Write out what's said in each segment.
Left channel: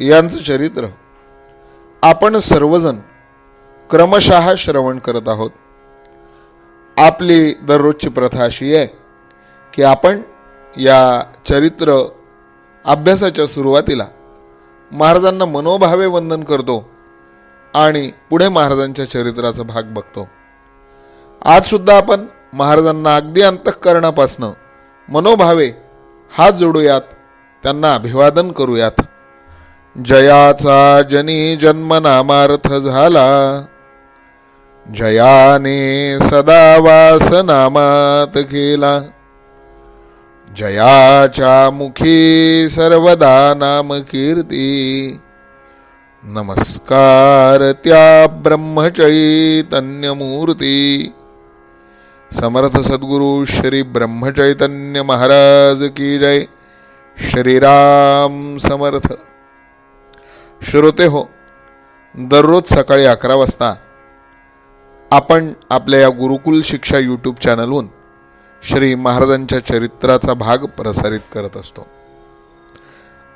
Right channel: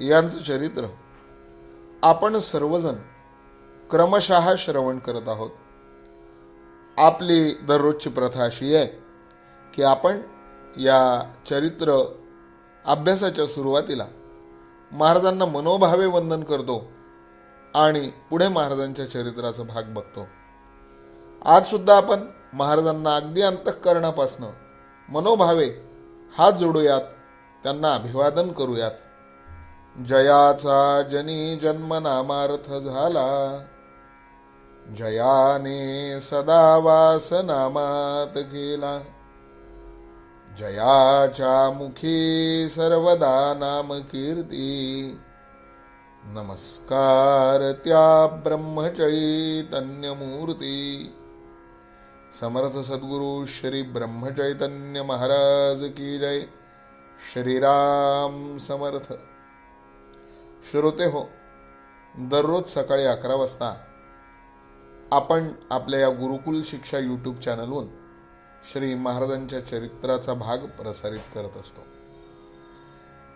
यांचं चरित्र. आपण सर्वजण क्रमशः श्रवण करत आहोत. आपली दररोजची प्रथा अशी आहे की आपण या चरित्र अभ्यासाच्या सुरुवातीला महाराजांना मनोभावे वंदन करतो आणि पुढे महाराजांच्या चरित्राचा भाग बघतो. आजसुद्धा आपण महाराजांना अगदी अंतःकरणापासनं मनोभावे हात जोडूयात त्यांना अभिवादन करूयात. जयाचा जनी जन्मनामार्थ झाला. जयाने सदा वासनामात केला. जयाच्या मुखी सर्वदा नाम कीर्ती नमस्कार त्या ब्रह्मचैतन्यमूर्ती. समर्थ सद्गुरु श्री ब्रह्मचैतन्य महाराज की जय. श्रीराम समर्थ. श्रोते हो दररोज सकाळी अकरा वाजता आपण आपल्या या गुरुकुल शिक्षा यूट्यूब चॅनलहून श्री महाराजांच्या चरित्राचा भाग प्रसारित करत असतो.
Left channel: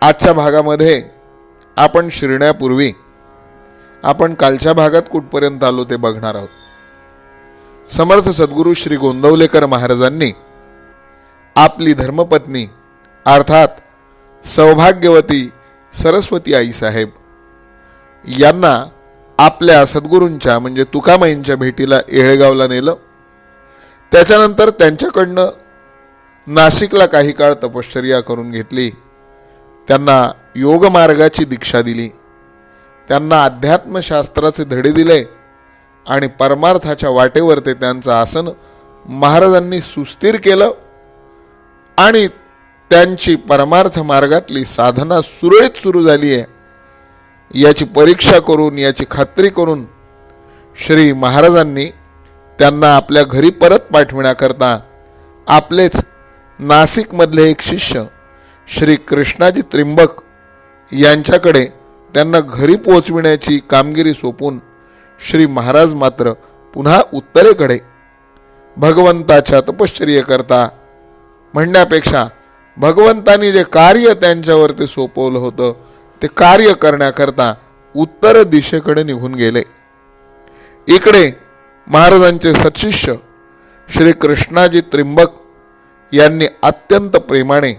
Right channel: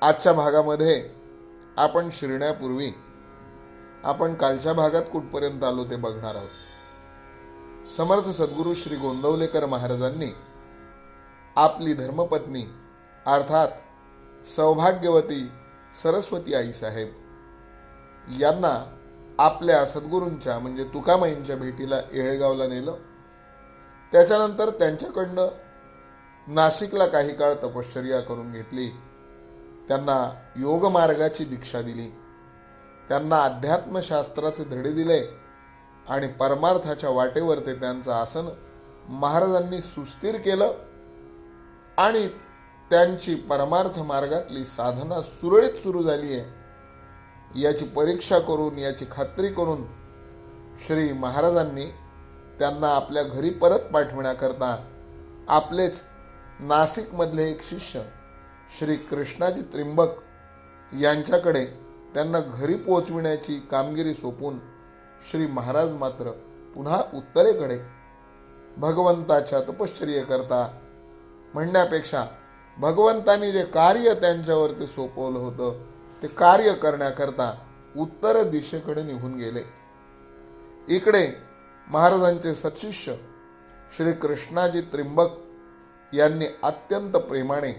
आजच्या भागामध्ये आपण शिरण्यापूर्वी आपण कालच्या भागात कुठपर्यंत आलो ते बघणार आहोत. समर्थ सद्गुरू श्री गोंदवलेकर महाराजांनी आपली धर्मपत्नी अर्थात सौभाग्यवती सरस्वती आईसाहेब यांना आपल्या सद्गुरूंच्या म्हणजे तुकामाईंच्या भेटीला येळगावला नेलं. त्याच्यानंतर त्यांच्याकडनं नाशिकला काही काळ तपश्चर्या करून घेतली. त्यांना योगमार्गाची दीक्षा दिली. त्यांना अध्यात्मशास्त्राचे धडे दिले आणि परमार्थाच्या वाटेवर ते त्यांचं आसन महाराजांनी सुस्थिर केलं आणि त्यांची परमार्थ मार्गातली साधना सुरळीत सुरू झाली आहे. याची परीक्षा करून याची खात्री करून श्री महाराजांनी त्यांना आपल्या घरी परत पाठविण्याकरता आपलेच नाशिकमधले एक शिष्य श्री कृष्णाजी त्रिंबक यांच्याकडे त्यांना घरी पोहोचविण्याची कामगिरी सोपून श्री महाराज मात्र पुन्हा उत्तरेकडे भगवंताच्या तपश्चर्येकरता म्हणण्यापेक्षा भगवंतानी जे कार्य त्यांच्यावरती सोपवलं होतं ते कार्य करण्याकरता उत्तर दिशेकडे निघून गेले. इकडे महाराजांचे सत्शिष्य श्री कृष्णाजी त्रिंबक यांनी अत्यंत प्रेमाने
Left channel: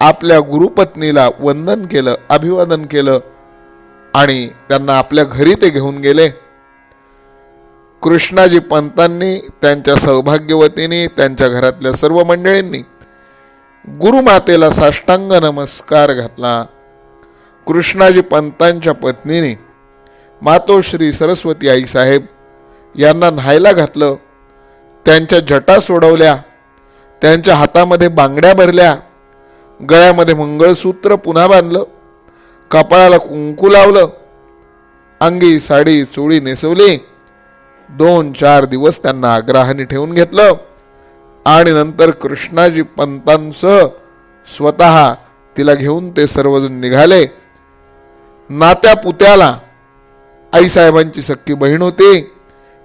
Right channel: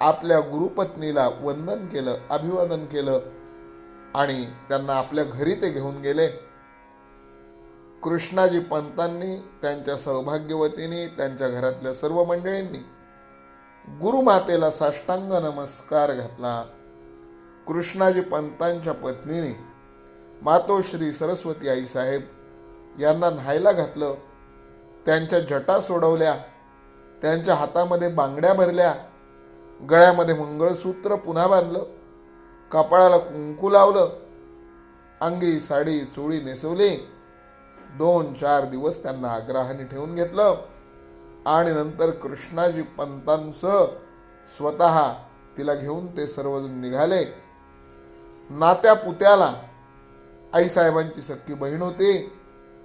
आपल्या गुरुपत्नीला वंदन केलं अभिवादन केलं आणि त्यांना आपल्या घरी ते घेऊन गेले. कृष्णाजी पंतांनी त्यांच्या सौभाग्यवतीने त्यांच्या घरातल्या सर्व मंडळींनी गुरुमातेला साष्टांग नमस्कार घातला. कृष्णाजी पंतांच्या पत्नीने मातोश्री सरस्वती आईसाहेब यांना न्हायला घातलं. त्यांच्या जटा सोडवल्या त्यांच्या हातामध्ये बांगड्या भरल्या गळ्यामध्ये मंगळसूत्र पुन्हा बांधलं कपाळाला कुंकू लावलं अंगी साडी चोळी नेसवली. दोन चार दिवस त्यांना आग्रहाने ठेवून घेतलं. आणि नंतर कृष्णाजी पंतांसह स्वतः तिला घेऊन ते सर्वजण निघाले. नात्या पुत्याला आईसाहेबांची सक्की बहीण होती.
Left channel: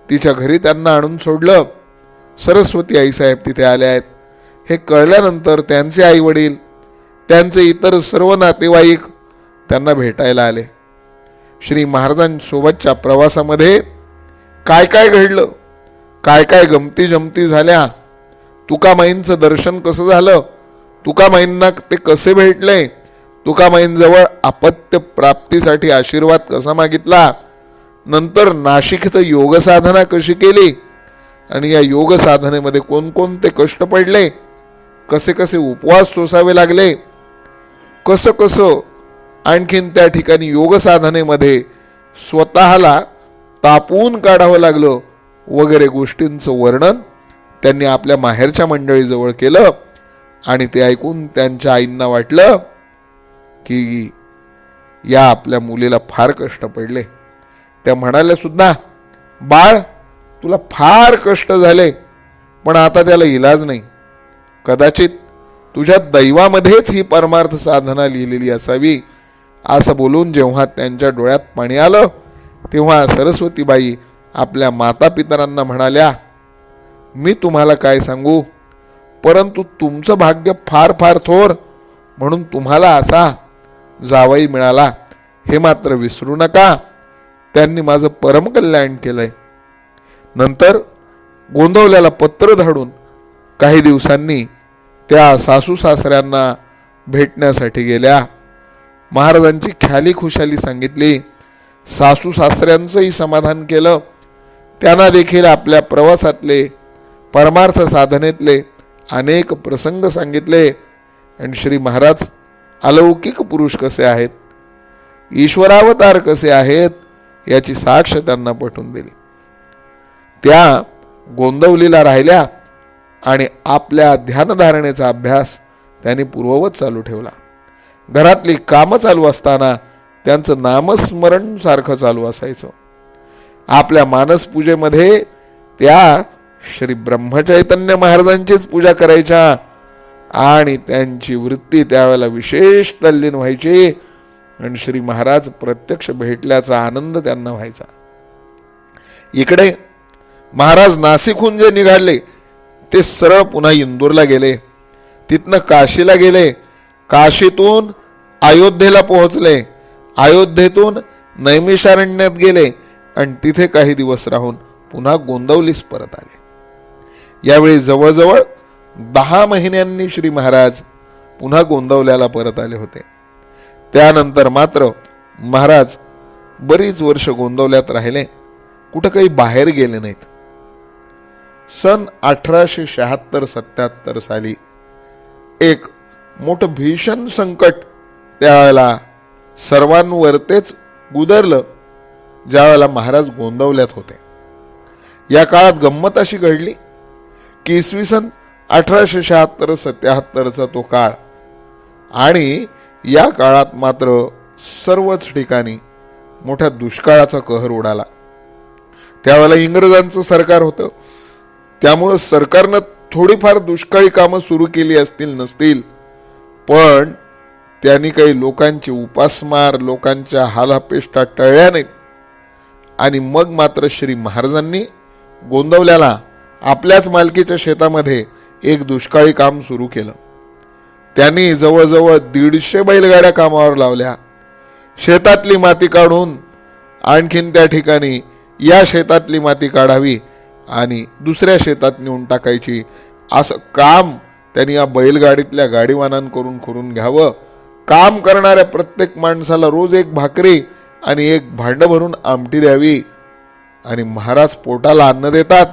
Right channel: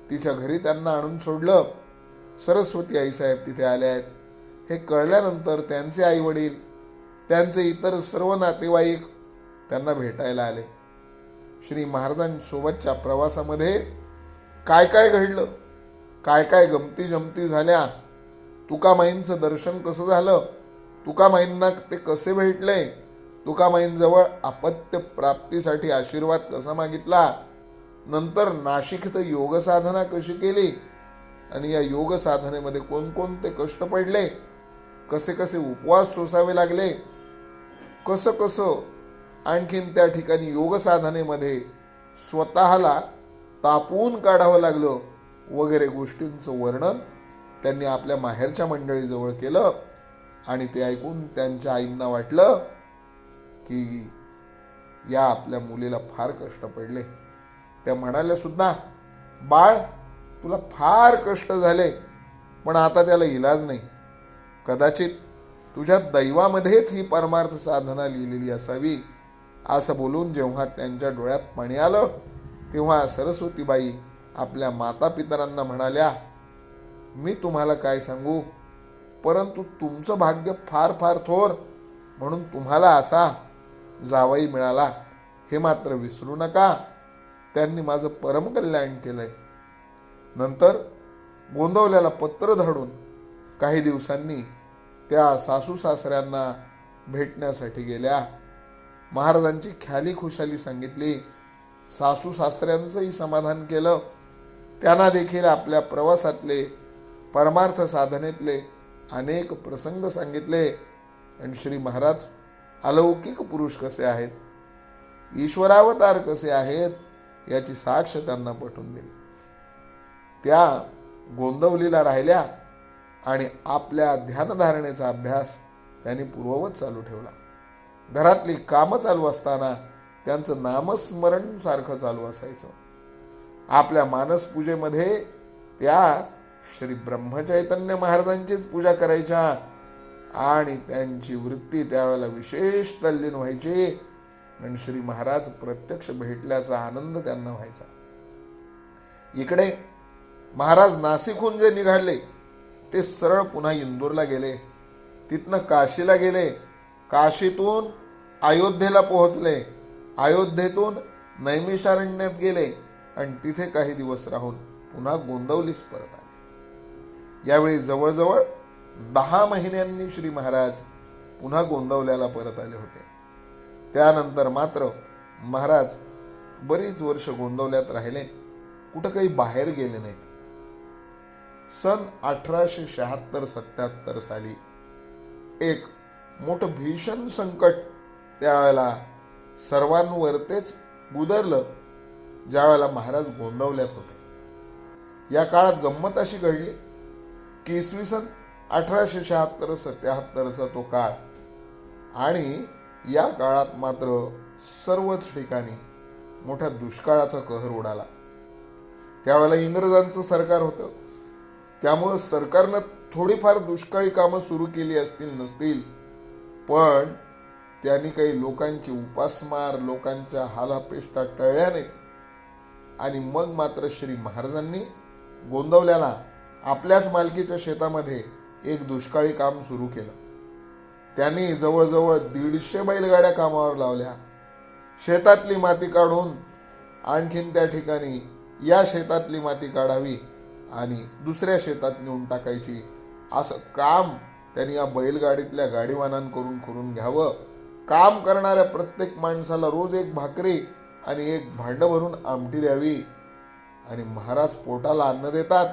तिच्या घरी त्यांना आणून सोडलं. सरस्वती आईसाहेब तिथे आले आहेत. हे कळल्यानंतर त्यांचे आई वडील त्यांचे इतर सर्व नातेवाईक त्यांना भेटायला आले. श्री महाराजांसोबतच्या प्रवासामध्ये काय काय घडलं? काय काय गमती जमती झाल्या? तुकामाईंचं दर्शन कसं झालं? तुकामाईंना ते कसे भेटले? तुकामाईंजवळ अपत्य प्राप्तीसाठी आशीर्वाद कसा मागितला? नंतर नाशिक इथं योगसाधना कशी केली? आणि या योग साधनेमध्ये कोणकोणते कष्ट पडले? कसे कसे उपवास सोसावे लागले? कसं कसं आणखीन त्या ठिकाणी योग साधनेमध्ये स्वतःला तापवून काढावं लागलं? वगैरे गोष्टींचं वर्णन त्यांनी आपल्या माहेरच्या मंडळीजवळ केलं आणि ते ऐकून त्यांच्या आईंना वाटलं की या आपल्या मुलीला फार कष्ट पडले. त्या म्हणाल्या सुद्धा बाळ तुला फार कष्ट झाले पण आता त्याला इलाज नाही. कदाचित तुझ्या दैवामध्येच ही परमार्थ साधना लिहिलेली असावी. असं बोलून जेव्हा त्यांच्या डोळ्यात पाणी आलं तेव्हा सरस्वतीबाई आपल्या मातापितरांना म्हणाल्या मी तुम्हाला काय सांगू? परंतु तुमचं भाग्य फार फार थोर म्हणून तुम्हाला असा जावई मिळाला. हे मात्र विसरू नका. त्यांनी माझं परमकल्याण केलंय. नंतर गोंधवल्याला पत्र धाडून काही दिवसांनी त्या सासू सासऱ्यांना भेटण्यासाठी गेल्या. महाराजांची ख्याली खुशाली सांगितली. सासू सासऱ्यांचंही समाधान केलं. त्यांना देखील आपल्या प्रवासातले परमार्थ साधनेतले अनेक प्रसंग सांगितले. आणि श्री महाराज अलौकिक पुरुष कसे आहेत? ईश्वरावतार कसे आहेत? याची साक्ष त्यांना पटवून दिली. त्या गोंदवलीला राहिल्या आणि आपल्या ध्यानधारणेचा अभ्यास त्यांनी पूर्ववत चालू ठेवला. घरातली कामं चालू असताना त्यांचं नामस्मरण सारखं चालू असायचं. आपल्या मानसपूजेमध्ये त्या श्री ब्रह्मचैतन्य महाराजांचीच पूजा करायच्या आणि त्यांची वृत्ती त्यावेळेला विशेष तल्लीन व्हायची. आणि श्री महाराज प्रत्यक्ष भेटल्याचा आनंद त्यांना व्हायचा. इकडे महाराज नाशिकहून जे निघाले ते सरळ पुन्हा इंदूरला गेले. तिथनं काशीला गेले. काशीतून अयोध्येला पोहोचले. अयोध्येतून नैमिषारण्यात गेले. आणि तिथे काही दिवस राहून पुन्हा गोंदवलीस परत आले. यावेळी जवळजवळ दहा महिन्यांनी श्री महाराज पुन्हा गोंदवल्याला परत आले होते. त्यानंतर मात्र महाराज बरीच वर्ष गोंदवल्यात राहिले कुठं काही बाहेर गेले नाहीत. सन अठराशे शहात्तर सत्याहत्तर साली एक मोठं भीषण संकट त्यावेळेला सर्वांवरतेच गुदरलं ज्यावेळेला महाराज गोंदवल्यात होते. या काळात गंमत अशी घडली की इसवी सन अठराशे शहात्तर सत्याहत्तरचा तो काळ. आणि या काळात मात्र सर्वच ठिकाणी मोठ्या दुष्काळाचा कहर उडाला. त्यावेळेला इंग्रजांचं सरकार होतं. त्यामुळं सरकारनं थोडीफार दुष्काळी कामं सुरू केली असतील नसतील. पण त्यांनी काही लोकांची उपासमार लोकांच्या हालापेष्टा टळल्या नाहीत. आणि मग मात्र श्री महाराजांनी गोंदवल्याला आपल्याच मालकीच्या शेतामध्ये एक दुष्काळी काम सुरू केलं. त्यांनी जवळजवळ दीडशे बैलगाड्या कामावर लावल्या. शेतातली माती काढून आणखीन त्या ठिकाणी या शेतातली माती काढावी आणि दुसऱ्या शेतात नेऊन टाकायची असं काम त्यांनी या बैलगाडीतल्या गाडीवानांकडून करून घ्यावं. काम करणाऱ्या प्रत्येक माणसाला रोज एक भाकरी आणि एक भांडं भरून आमटी द्यावी. आणि महाराज पोटाला अन्न देतात.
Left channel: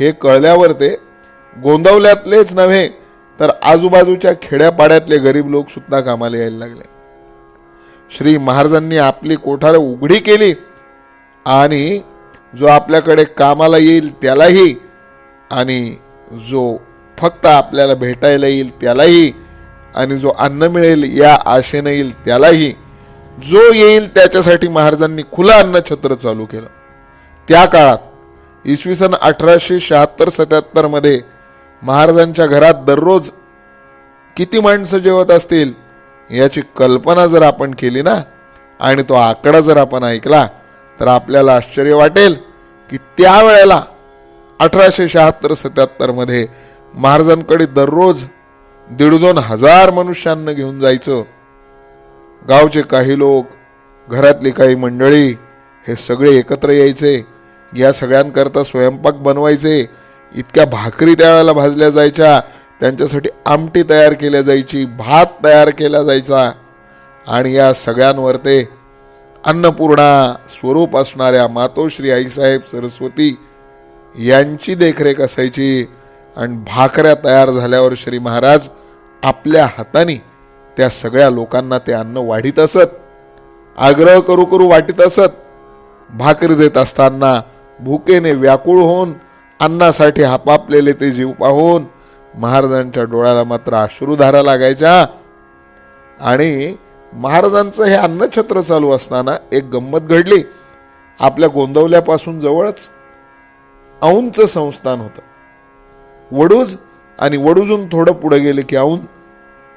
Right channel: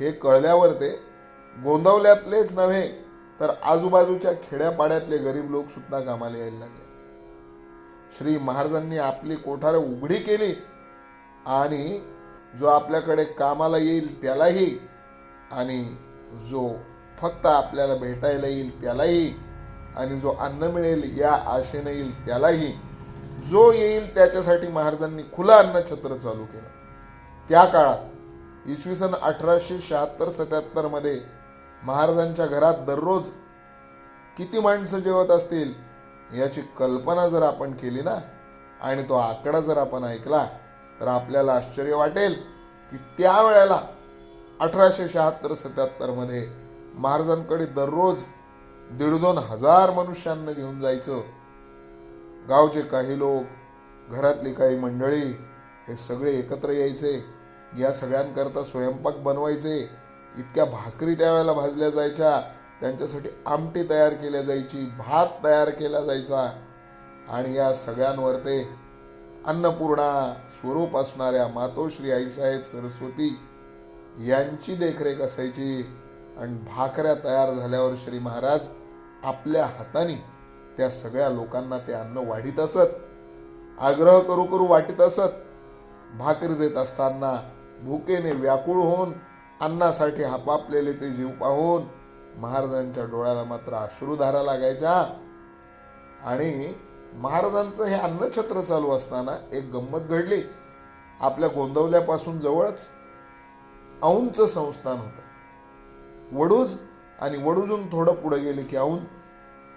हे कळल्यावर ते गोंदवल्यातलेच नव्हे तर आजूबाजूच्या खेड्यापाड्यातले गरीब लोक सुद्धा कामाला यायला लागले. श्री महाराजांनी आपली कोठार उघडी केली आणि जो आपल्याकडे कामाला येईल त्यालाही आणि जो फक्त आपल्याला भेटायला येईल त्यालाही आणि जो अन्न मिळेल या आशेने येईल त्यालाही जो येईल त्याच्यासाठी महाराजांनी खुलं अन्न छत्र चालू केलं. त्या काळात इसवी सन अठराशे शहात्तर सत्याहत्तरमध्ये महाराजांच्या घरात दररोज किती माणसं जेवत असतील याची कल्पना जर आपण केली ना आणि तो आकडा जर आपण ऐकला तर आपल्याला आश्चर्य वाटेल की त्यावेळेला अठराशे शहात्तर सत्याहत्तरमध्ये महाराजांकडे दररोज दीड दोन हजार मनुष्यांना घेऊन जायचं. गावचे काही लोक घरातली काही मंडळी हे सगळे एकत्र यायचे. या सगळ्यांकरता स्वयंपाक बनवायचे इतक्या भाकरी त्यावेळेला भाजल्या जायच्या त्यांच्यासाठी आमटी तयार केल्या जायची भात तयार केला जायचा. आणि या सगळ्यांवर ते अन्नपूर्णा स्वरूप असणाऱ्या मातोश्री आईसाहेब सरस्वती यांची देखरेख असायची आणि भाकऱ्या तयार झाल्यावर श्री महाराज आपल्या हाताने त्या सगळ्या लोकांना ते अन्न वाढीत असत आग्रह करू करू वाटीत असत भाकरी देत असताना भुकेने व्याकुळ होऊन अन्नासाठी हापापलेले ते जीव पाहून महाराजांच्या डोळ्याला मात्र अश्रुधारा लागायच्या. आणि महाराजांचं हे अन्नछत्र चालू असताना एक गंमत घडली. आपल्या गोंदवल्यापासून जवळच औंचं संस्थान होतं. वडूज आणि वडूजून थोडं पुढे गेले की औंध.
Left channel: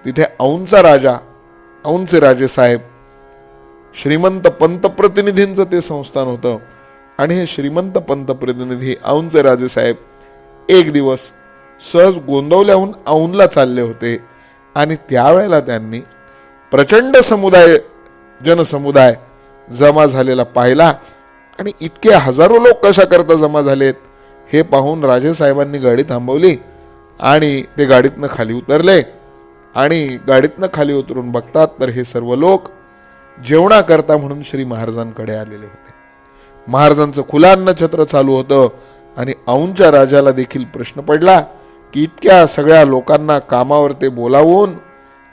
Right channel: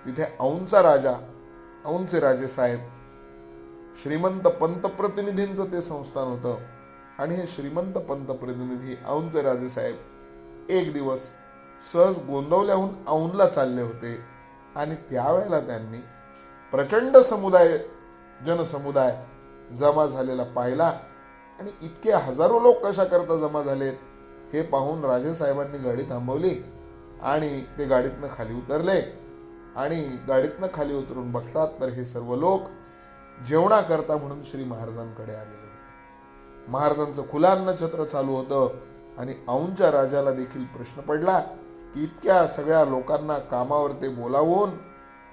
तिथे औंचा राजा औंचे राजे साहेब श्रीमंत पंतप्रतिनिधींचं ते संस्थान होतं. आणि हे श्रीमंत पंतप्रतिनिधी औंचे राजे साहेब एक दिवस सहज गोंदवल्याहून औंधला चालले होते. आणि त्यावेळेला त्यांनी प्रचंड समुदाय जनसमुदाय जमा झालेला पाहिला. आणि इतके हजारो लोक कशा करता जमा झालेत हे पाहून राजेसाहेबांनी गाडी थांबवली आणि ते गाडीतनं खाली उतरले. आणि गाडीतनं खाली उतरून बघतात तर हे सर्व लोक जेवणाकरता म्हणून श्री महाराजांकडे आलेले होते. महाराजांचं खुला अन्नछत्र चालू होतं आणि औंच्या राजाला देखील प्रश्न पडला की इतक्या सगळ्या लोकांना कामावर ते बोलावून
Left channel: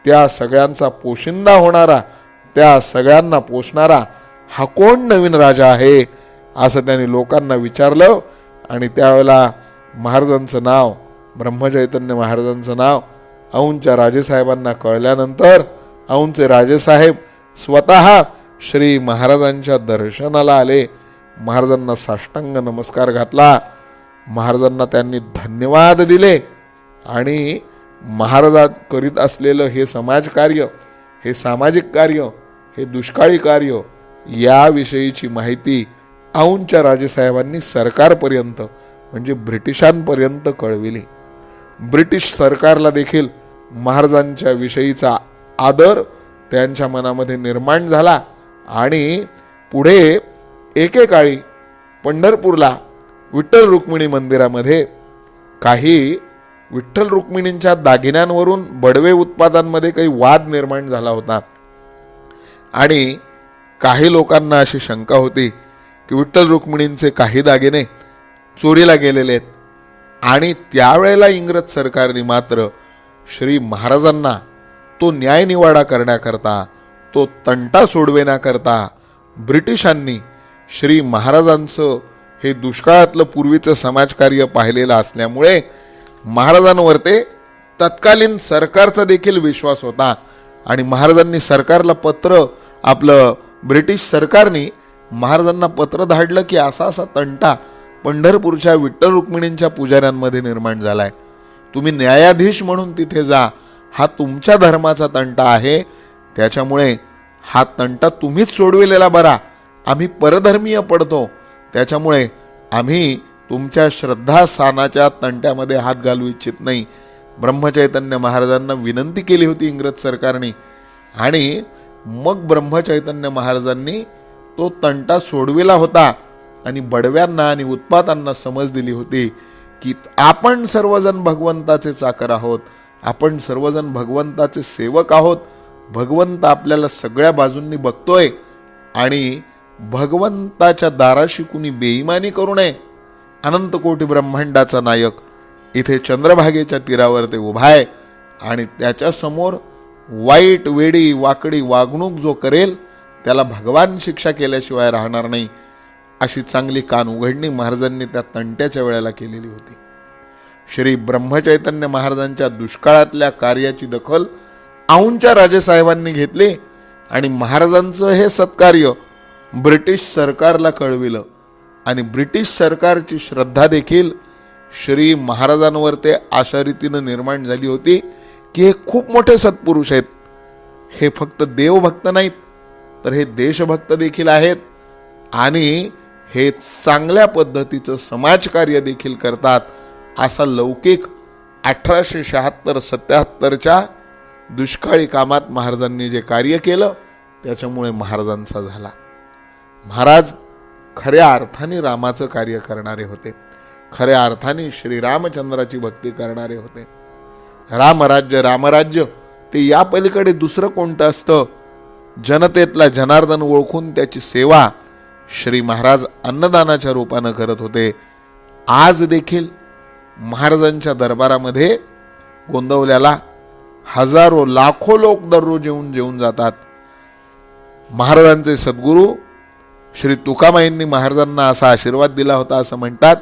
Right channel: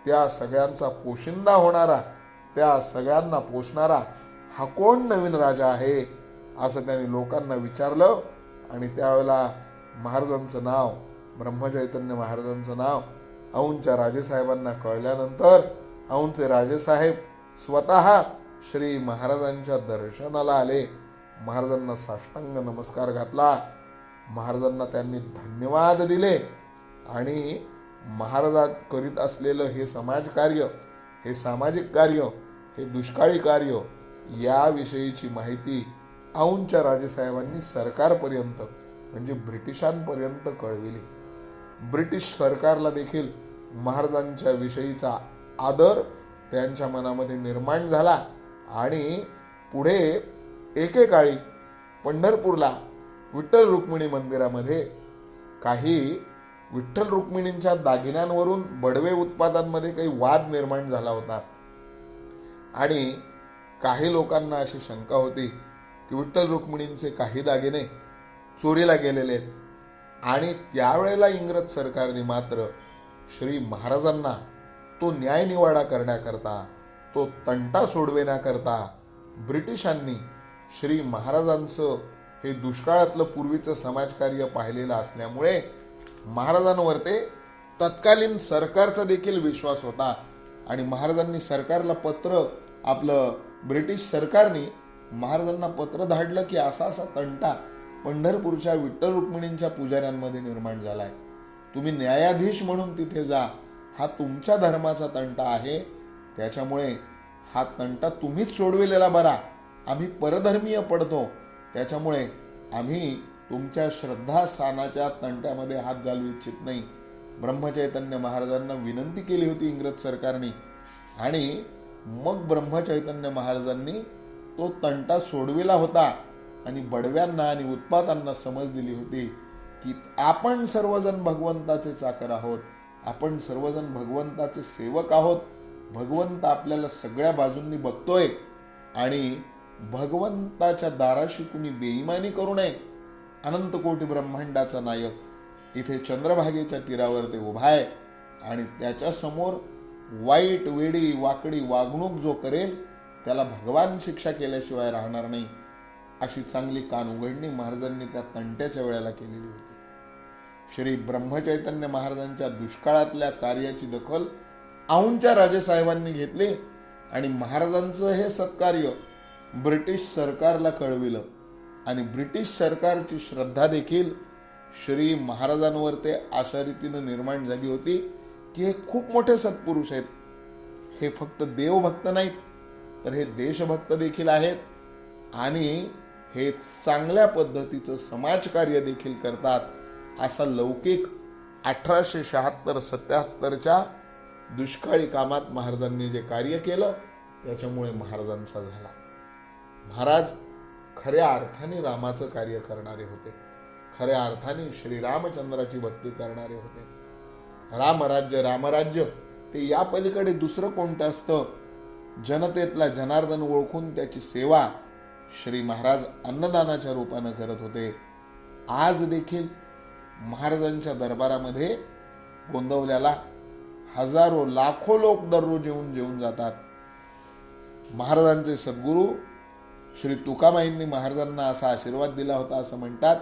त्या सगळ्यांचा पोशिंदा होणारा त्या सगळ्यांना पोषणारा हा कोण नवीन राजा आहे असं त्यांनी लोकांना विचारलं आणि त्यावेळेला महाराजांचं नाव ब्रह्मचैतन्य महाराजांचं नाव औंच्या राजेसाहेबांना कळल्यानंतर औंचे राजेसाहेब स्वतः श्री महाराजांच्या दर्शनाला आले. महाराजांना साष्टांग नमस्कार घातला. महाराजांना त्यांनी धन्यवाद दिले. आणि महाराजात करीत असलेलं हे समाजकार्य हे सामाजिक कार्य हे दुष्काळी कार्य याविषयीची माहिती औंच्या राजेसाहेबांनी सरकारपर्यंत म्हणजे ब्रिटिशांपर्यंत कळविली. ब्रिटिश सरकारला देखील महाराजांच्या विषयीचा आदर त्यांच्या मनामध्ये निर्माण झाला. आणि पुढे एकेकाळी पंढरपूरला विठ्ठल रुक्मिणी मंदिरामध्ये काही विठ्ठल रुक्मिणींच्या दागिन्यांवरून बडवे उत्पादांमध्ये काही वाद निर्माण झाला होता. आणि काही लोकांना अशी शंका होती की विठ्ठल रुक्मिणींचे काही दागिने चोरीला गेलेले आहेत. आणि त्यावेळेला इंग्रज सरकारने मात्र श्री महाराजांना तो न्यायनिवाडा करण्याकरता तो तंटा सोडविण्याकरता ब्रिटिशांनी श्री महाराजांचं हे दुष्काळातलं पूर्वीचं समाजकार्य पाहिलेलं असल्यामुळे महाराजांवर ते तत्कालीन सरकारचा देखील विश्वास होता. आणि महाराजांनी सरकारला पत्र आपलं ब्रिटिश सरकारने महाराजांना पत्र धाडलं की असा असा तंटा पंढरपूरच्या विठ्ठल रुक्मिणींच्या पुजाऱ्यांमध्ये निर्माण झालाय. तुम्ही न्यायाधीश म्हणून तिथे जा. हा तुमच्या धर्माचा तंटा आहे. त्याच्यामुळे हा तंटा तुम्हीच सोडविलेला बरा. आम्ही परधर्मीय पडतो. त्याच्यामुळे आम्ही तुमच्या श्रद्धास्थानाच्या तंट्यामध्ये हात घालू इच्छित नाही. ब्रह्मचैतन्य महाराजांना विनंती केली होती इंग्रज सरकारने. आणि मग ब्रह्मचैतन्य महाराजांनी तो तंटा सोडविला होता आणि बडव्यांना आणि उत्पातांना समज दिली होती की आपण सर्वजण भगवंताचे चाकर आहोत. आपण सर्वजण भगवंताचे सेवक आहोत. भगवंत आपल्याला सगळ्या बाजूंनी बघतोय आणि भगवंताच्या दाराशी कुणी बेईमानी करू नये. अनंत कोटी ब्रह्मांडाचा नायक इथे चंद्रभागेच्या तीरावर ते उभा आहे आणि त्याच्यासमोर वाईट वेडी वाकडी वागणूक जो करेल त्याला भगवान शिक्षा केल्याशिवाय राहणार नाही अशी चांगली कान उघडणी महाराजांनी त्या तंट्याच्या वेळेला केलेली होती. श्री ब्रह्मचैतन्य महाराजांच्या दुष्काळातल्या कार्याची दखल औंच्या राजेसाहेबांनी घेतली आणि महाराजांचं हे सत्कार्य ब्रिटिश सरकारला कळविलं आणि ब्रिटिश सरकारची श्रद्धा देखील श्री महाराजांवर ते अशा रीतीनं निर्माण झाली होती की हे खूप मोठे सत्पुरुष आहेत. हे फक्त देवभक्त नाहीत तर हे देशभक्त देखील आहेत आणि हे चांगल्या पद्धतीचं समाजकार्य देखील करतात असा लौकिक अठराशे शहात्तर सत्याहत्तरच्या दुष्काळी कामात महाराजांनी जे कार्य केलं त्याच्यामुळे महाराजांचा झाला. महाराज खऱ्या अर्थाने रामाचं कार्य करणारे होते. खऱ्या अर्थाने श्रीरामचंद्राची भक्ती करणारे होते. रामराज्य रामराज्य ते या पलीकडे दुसरं कोणतं असतं? जनतेतला जनार्दन ओळखून त्याची सेवा श्री महाराज अन्नदानाच्या रूपानं करत होते. आज देखील महाराजांच्या दरबारामध्ये गोंदवल्याला हजारो लाखो लोक दररोज येऊन जेवून जातात. महाराजांचे सद्गुरू श्री तुकामाईंनी महाराजांना असा आशीर्वाद दिला होता असं म्हणतात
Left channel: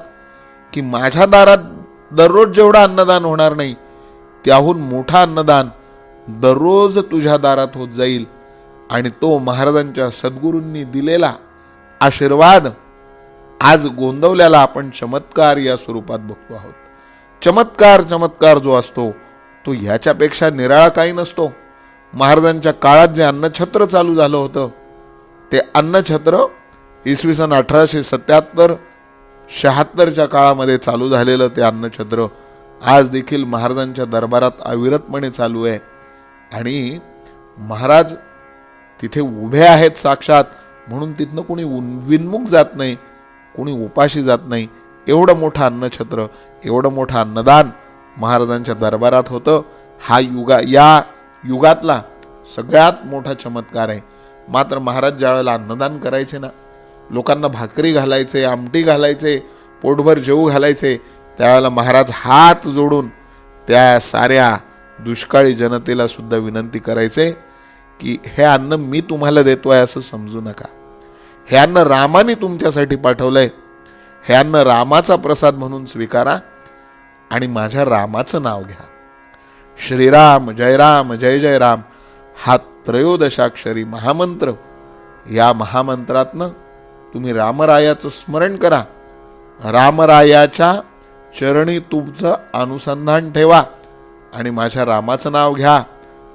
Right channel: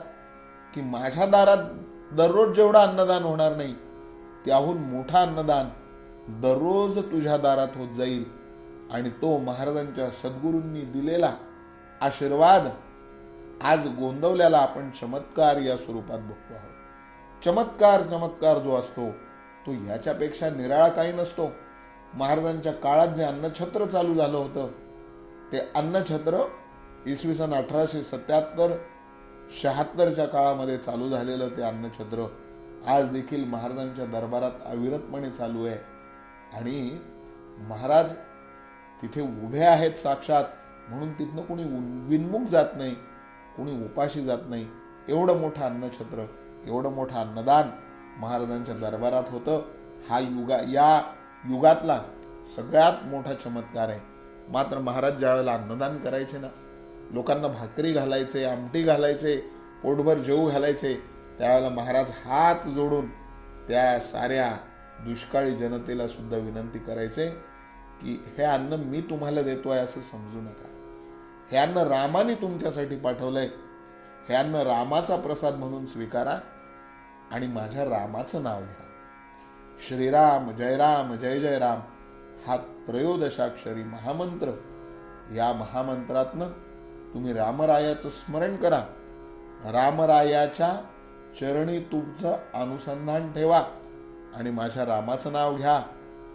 की माझ्या दारात दररोज जेवढं अन्नदान होणार नाही त्याहून मोठा अन्नदान दररोज तुझ्या दारात होत जाईल. आणि तो महाराजांच्या सद्गुरूंनी दिलेला आशीर्वाद आज गोंदवल्याला आपण चमत्कार या स्वरूपात बघतो आहोत. चमत्कार चमत्कार जो असतो तो ह्याच्यापेक्षा निराळा काही नसतो. महाराजांच्या काळात जे अन्नछत्र चालू झालं होतं ते अन्नछत्र इसवी सन अठराशे सत्याहत्तर शहात्तरच्या काळामध्ये चालू झालेलं ते अन्नछत्र आज देखील महाराजांच्या दरबारात अविरतपणे चालू आहे. आणि महाराज तिथे उभे आहेत साक्षात म्हणून तिथनं कोणी विनमुख जात नाही कोणी उपाशी जात नाही. एवढं मोठं अन्नछत्र एवढं मोठं अन्नदान महाराजांच्या दरबारात होतं. हा युगा या युगातला सगळ्यात मोठा चमत्कार आहे. मात्र महाराज ज्यावेळेला अन्नदान करायचे ना लोकांना भाकरी घालायचे आमटी घालायचे पोटभर जेऊ घालायचे त्यावेळेला महाराज हात जोडून त्या साऱ्या दुष्काळी जनतेला सुद्धा विनंती करायचे की हे अन्न मी तुम्हाला देतो आहे असं समजू नका. हे अन्न रामाने तुमच्यासाठी पाठवलं आहे हे अन्न रामाचा प्रसाद म्हणून स्वीकारा आणि माझ्या रामाचं नाव घ्या. श्रीराम जय राम जय जय राम. हा त्रयोदशाक्षरी महामंत्र. या महामंत्रातनं तुम्ही रामरायाचं स्मरण करा. रामरायाच्या चरणी तुमचं अनुसंधान ठेवा आणि माझ्या रामाचं नाव घ्या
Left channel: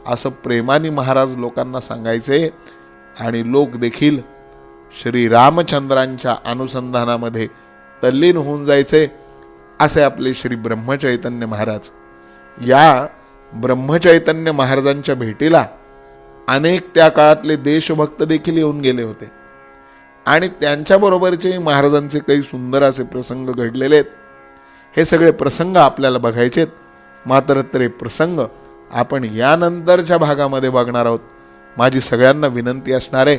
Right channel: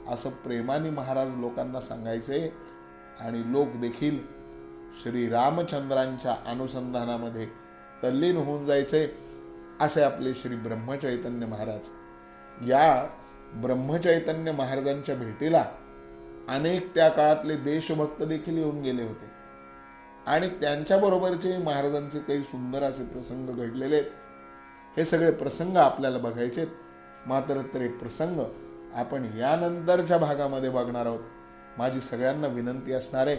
असं प्रेमाने महाराज लोकांना सांगायचे. आणि लोक देखील श्री रामचंद्रांच्या अनुसंधानामध्ये तल्लीन होऊन जायचे असे आपले श्री ब्रह्मचैतन्य महाराज. या ब्रह्मचैतन्य महाराजांच्या भेटीला अनेक त्या काळातले देशभक्त देखील येऊन गेले होते. आणि त्यांच्याबरोबरचे महाराजांचे काही सुंदर असे प्रसंग घडलेले आहेत. हे सगळे प्रसंग आपल्याला बघायचेत. मात्र ते प्रसंग आपण यानंतरच्या भागामध्ये बघणार आहोत. माझी सगळ्यांना विनंती असणार आहे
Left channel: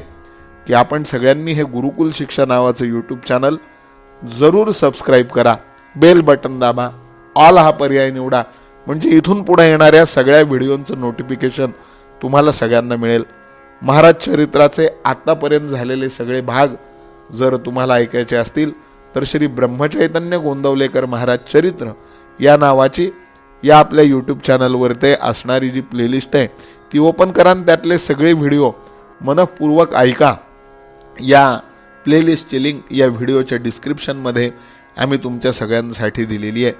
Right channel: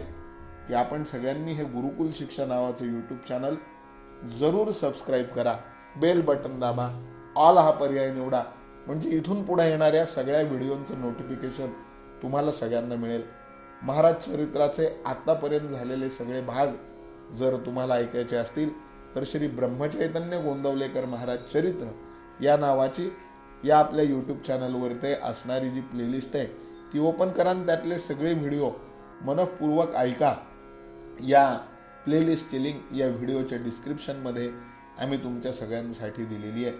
की आपण सगळ्यांनी हे गुरुकुल शिक्षा नावाचं यूट्यूब चॅनल जरूर सबस्क्राईब करा. बेल बटन दाबा. ऑल हा पर्याय निवडा. म्हणजे इथून पुढे येणाऱ्या सगळ्या व्हिडिओंचं नोटिफिकेशन तुम्हाला सगळ्यांना मिळेल. महाराज चरित्राचे आत्तापर्यंत झालेले सगळे भाग जर तुम्हाला ऐकायचे असतील तर श्री ब्रह्मचैतन्य गोंदवलेकर महाराज चरित्र या नावाची या आपल्या यूट्यूब चॅनलवर ते असणारी जी प्लेलिस्ट आहे ती ओपन करा आणि त्यातले सगळे व्हिडिओ मनपूर्वक ऐका. या प्लेलिस्टची लिंक या व्हिडिओच्या डिस्क्रिप्शनमध्ये आम्ही तुमच्या सगळ्यांसाठी दिलेली आहे.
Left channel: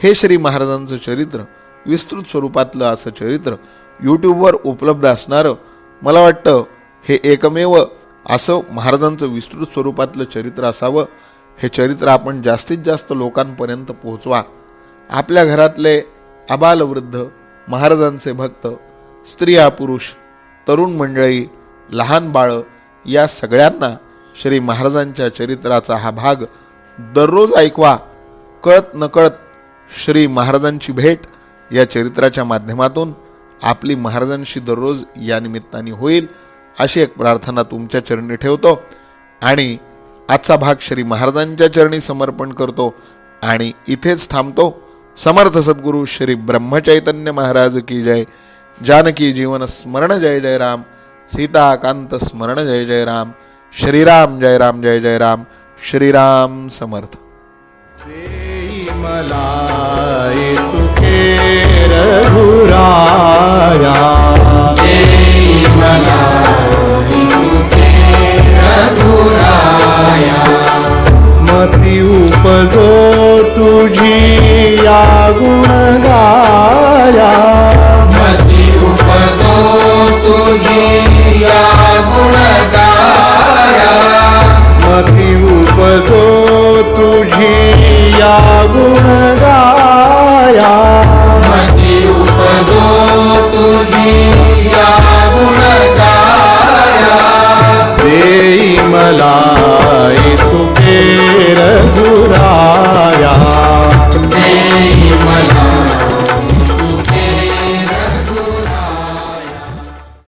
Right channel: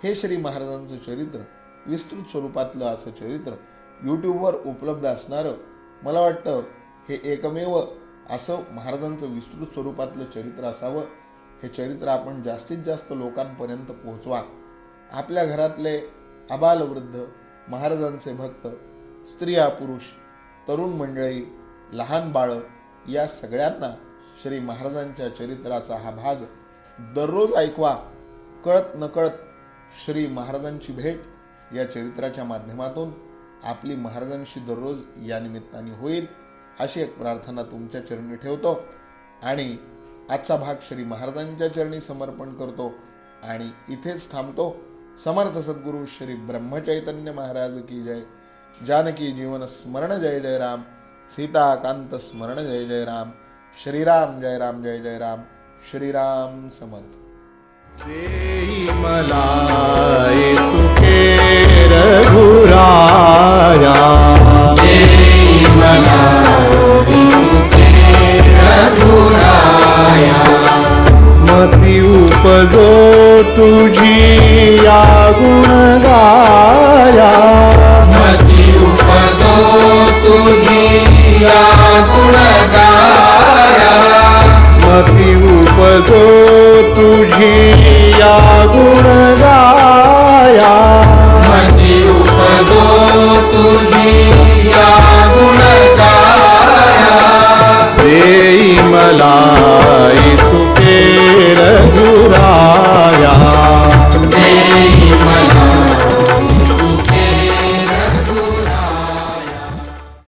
हे श्री महाराजांचं चरित्र विस्तृत स्वरूपातलं असं चरित्र यूट्यूबवर उपलब्ध असणारं मला वाटतं हे एकमेव असं महाराजांचं विस्तृत स्वरूपातलं चरित्र असावं. हे चरित्र आपण जास्तीत जास्त लोकांपर्यंत पोहोचवा. आपल्या घरातले आबालवृद्ध महाराजांचे भक्त स्त्रिया पुरुष तरुण मंडळी लहान बाळं या सगळ्यांना श्री महाराजांच्या चरित्राचा हा भाग दररोज ऐकवा. कळत नकळत श्री महाराजांची भेट या चरित्राच्या माध्यमातून आपली महाराजांशी दररोज या निमित्ताने होईल अशी एक प्रार्थना तुमच्या चरणी ठेवतो. आणि आजचा भाग श्री महाराजांच्या चरणी समर्पण करतो आणि इथेच थांबतो. समर्थ सद्गुरू श्री ब्रह्मचैतन्य महाराज की जय. जानकी जीवन स्मरण जय जय राम. सीताकांत स्मरण जय जय राम. श्रीराम जय राम जय जय राम. श्रीराम समर्थ. देई मला तुके रघुराया मती उपजो तुझी या गुण गाया मती उपजो तुझी या गुणगाया. मती उपजो तुझी या गुण गाया मती उपजो या गुण गाया मला तुके रघुरा